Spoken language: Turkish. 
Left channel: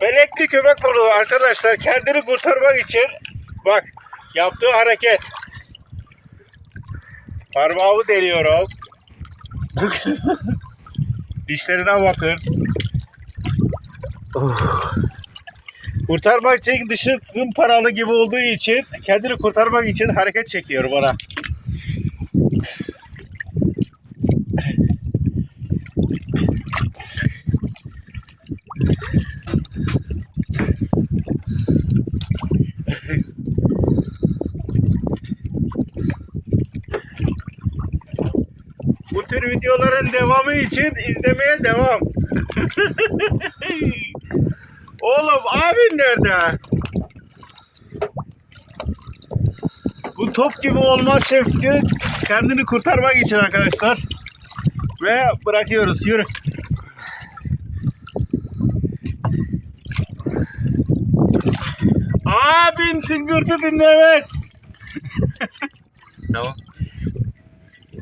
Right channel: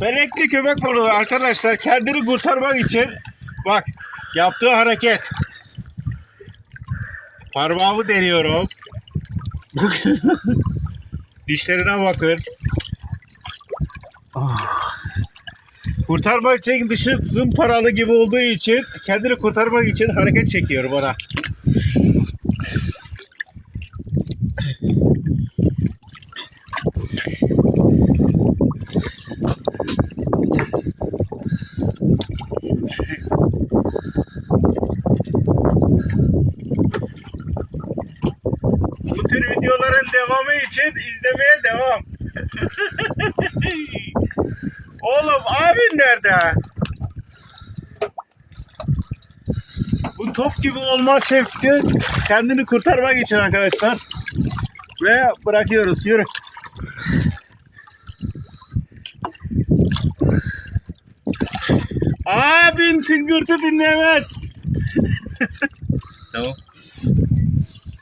Benekli köpek balığı arkadaşlar kendini kurtarmak için bak yaptığı hareket. Parmağımı deniyorum. Dişlerine bakın. Kurtarmak için dışı zımparalı gibi olduğu için kendini kurtarmak için hareket çekiyor bana. Bu tür videoların devamı için izlemeye devam. Oğlum abin nerede? Bu top gibi olmaz şefti kendini kurtarmak için arkadaşlar. Ve bırakıyoruz. Yürü. Abin tıngırtı dinlemez. tamam.